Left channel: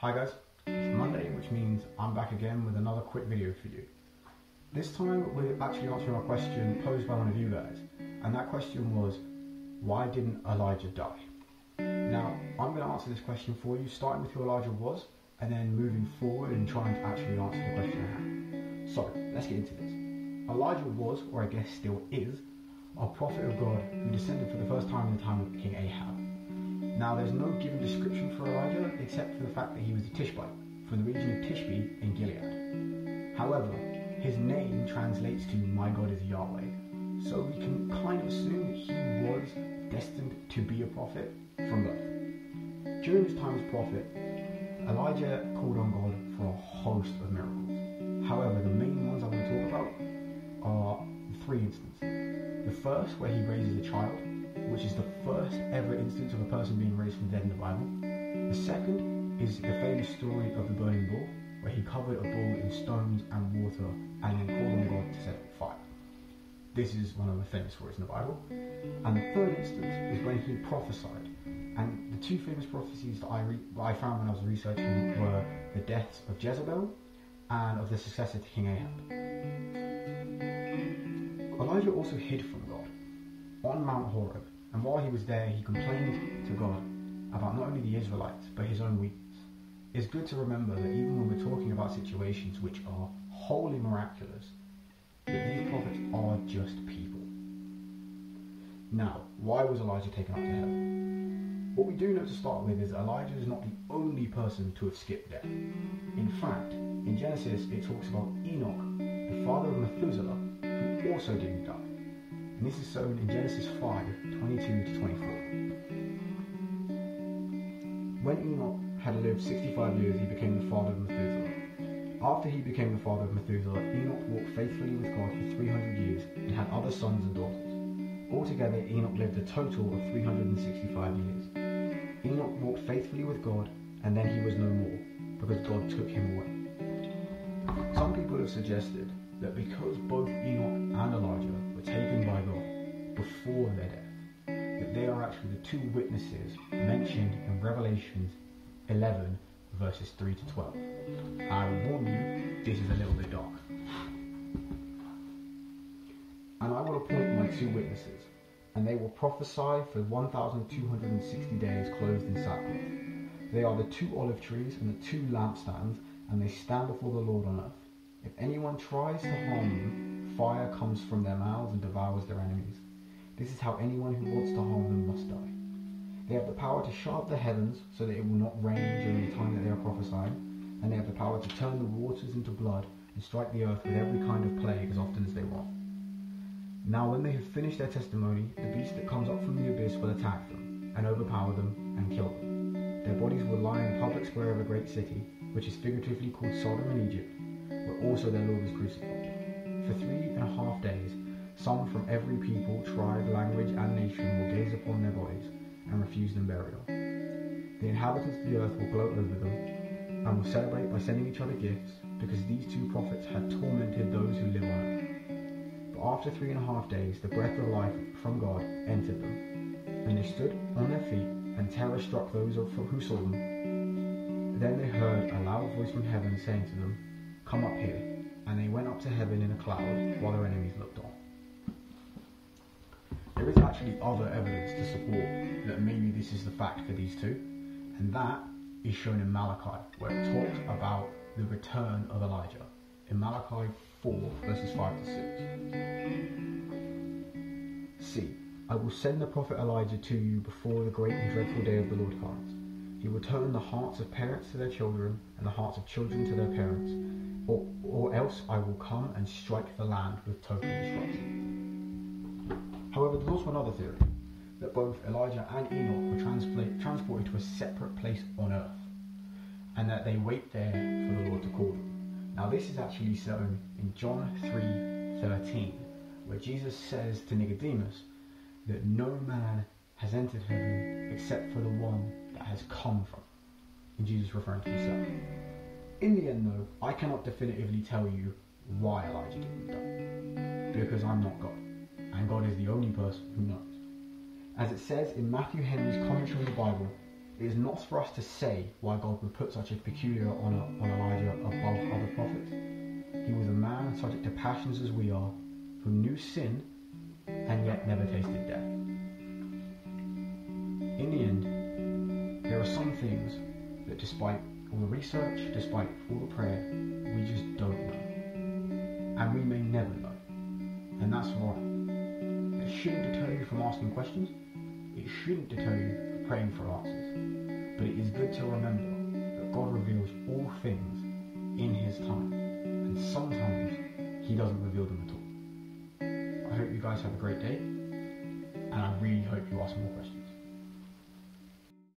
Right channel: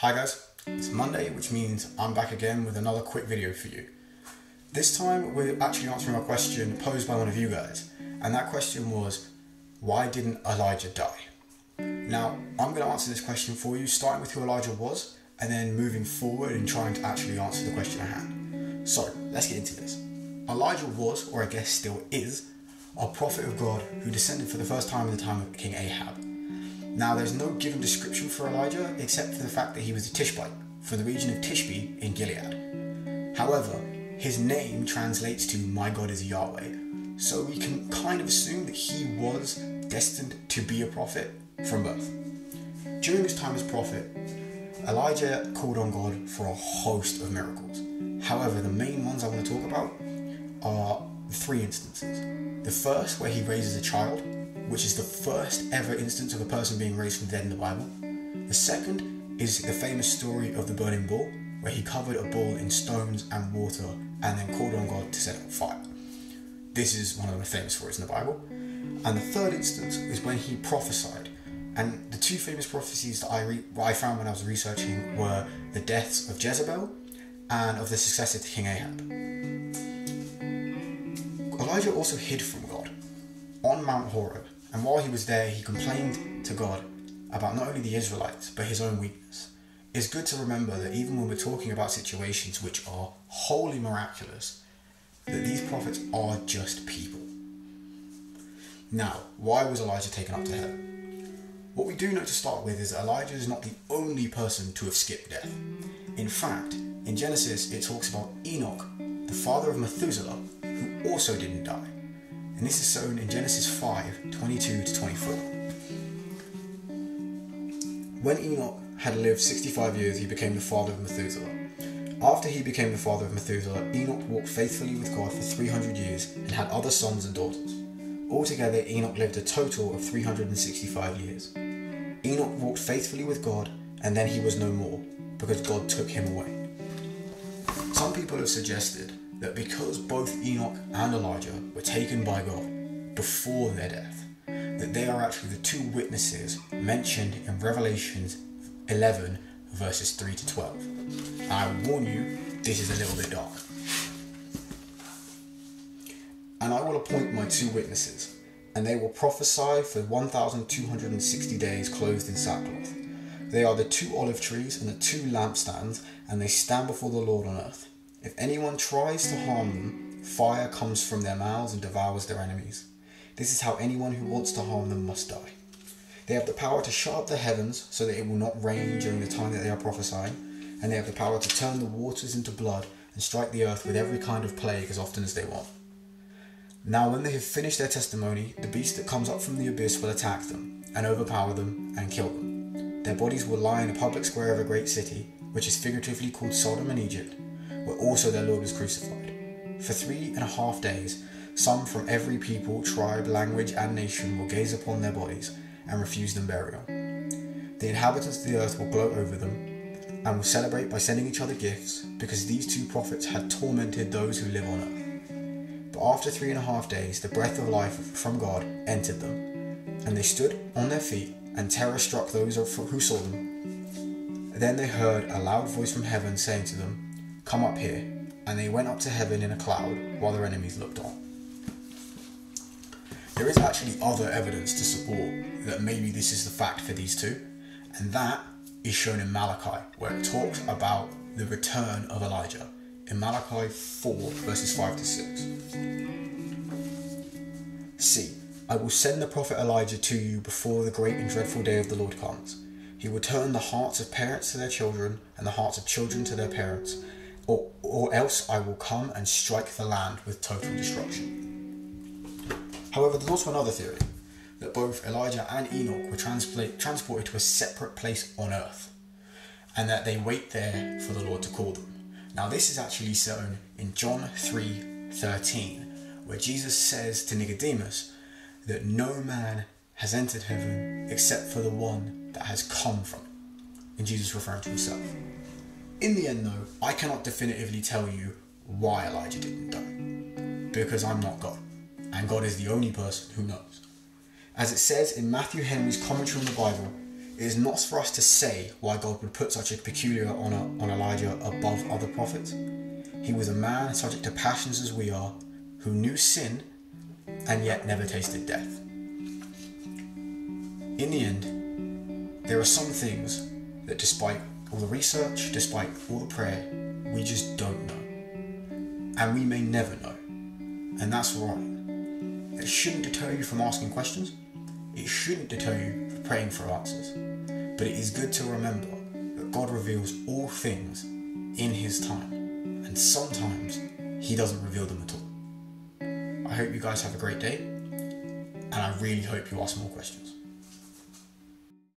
Hi guys, it's Monday, which means I'm back again with another quick video for you. This time we're actually answering a question posed by one of you guys, and that question was, why didn't Elijah die? Now, I'm going to answer this question for you, starting with who Elijah was, and then moving forward and trying to actually answer the question at hand. So, let's get into this. Elijah was, or I guess still is, a prophet of God who descended for the first time in the time of King Ahab. Now, there's no given description for Elijah except for the fact that he was a Tishbite from the region of Tishbe in Gilead. However, his name translates to "My God is Yahweh," so we can kind of assume that he was destined to be a prophet from birth. During his time as prophet, Elijah called on God for a host of miracles. However, the main ones I want to talk about are three instances. The first, where he raises a child, which is the first ever instance of a person being raised from the dead in the Bible. The second is the famous story of the burning bull, where he covered a bull in stones and water and then called on God to set it on fire. This is one of the most famous stories in the Bible. And the third instance is when he prophesied. And the two famous prophecies that I found when I was researching were the deaths of Jezebel and of the successor to King Ahab. Elijah also hid from God on Mount Horeb, and while he was there, he complained to God about not only the Israelites, but his own weakness. It's good to remember that even when we're talking about situations which are wholly miraculous, that these prophets are just people. Now, why was Elijah taken up to heaven? What we do know to start with is that Elijah is not the only person to have skipped death. In fact, in Genesis, it talks about Enoch, the father of Methuselah, who also didn't die. And this is shown in Genesis 5:22-24. When Enoch had lived 65 years, he became the father of Methuselah. After he became the father of Methuselah, Enoch walked faithfully with God for 300 years and had other sons and daughters. Altogether, Enoch lived a total of 365 years. Enoch walked faithfully with God, and then he was no more, because God took him away. Some people have suggested that because both Enoch and Elijah were taken by God before their death, that they are actually the two witnesses mentioned in Revelation 11 verses 3-12. And I will warn you, this is a little bit dark. And I will appoint my two witnesses, and they will prophesy for 1,260 days clothed in sackcloth. They are the two olive trees and the two lampstands, and they stand before the Lord on earth. If anyone tries to harm them, fire comes from their mouths and devours their enemies. This is how anyone who wants to harm them must die. They have the power to shut up the heavens so that it will not rain during the time that they are prophesying, and they have the power to turn the waters into blood and strike the earth with every kind of plague as often as they want. Now when they have finished their testimony, the beast that comes up from the abyss will attack them, and overpower them, and kill them. Their bodies will lie in a public square of a great city, which is figuratively called Sodom and Egypt, where also their Lord was crucified. For 3.5 days, some from every people, tribe, language, and nation will gaze upon their bodies and refuse them burial. The inhabitants of the earth will gloat over them and will celebrate by sending each other gifts, because these two prophets had tormented those who live on earth. But after 3.5 days, the breath of life from God entered them, and they stood on their feet, and terror struck those who saw them. Then they heard a loud voice from heaven saying to them, "Come up here," and they went up to heaven in a cloud while their enemies looked on. There is actually other evidence to support that maybe this is the fact for these two, and that is shown in Malachi, where it talks about the return of Elijah. In Malachi 4 verses 5-6. "See, I will send the prophet Elijah to you before the great and dreadful day of the Lord comes. He will turn the hearts of parents to their children and the hearts of children to their parents, or else I will come and strike the land with total destruction." However, there's also another theory, that both Elijah and Enoch were transported to a separate place on earth, and that they wait there for the Lord to call them. Now this is actually shown in John 3:13, where Jesus says to Nicodemus that no man has entered heaven except for the one that has come from it, and Jesus referring to himself. In the end though, I cannot definitively tell you why Elijah didn't die, because I'm not God, and God is the only person who knows. As it says in Matthew Henry's commentary on the Bible, It is not for us to say why God would put such a peculiar honour on Elijah above other prophets. He was a man subject to passions as we are, who knew sin and yet never tasted death. In the end, there are some things that despite all the research, despite all the prayer, we just don't know. And we may never know. And that's right. It shouldn't deter you from asking questions. It shouldn't deter you from praying for answers. But it is good to remember that God reveals all things in His time. And sometimes He doesn't reveal them at all. I hope you guys have a great day. And I really hope you ask more questions.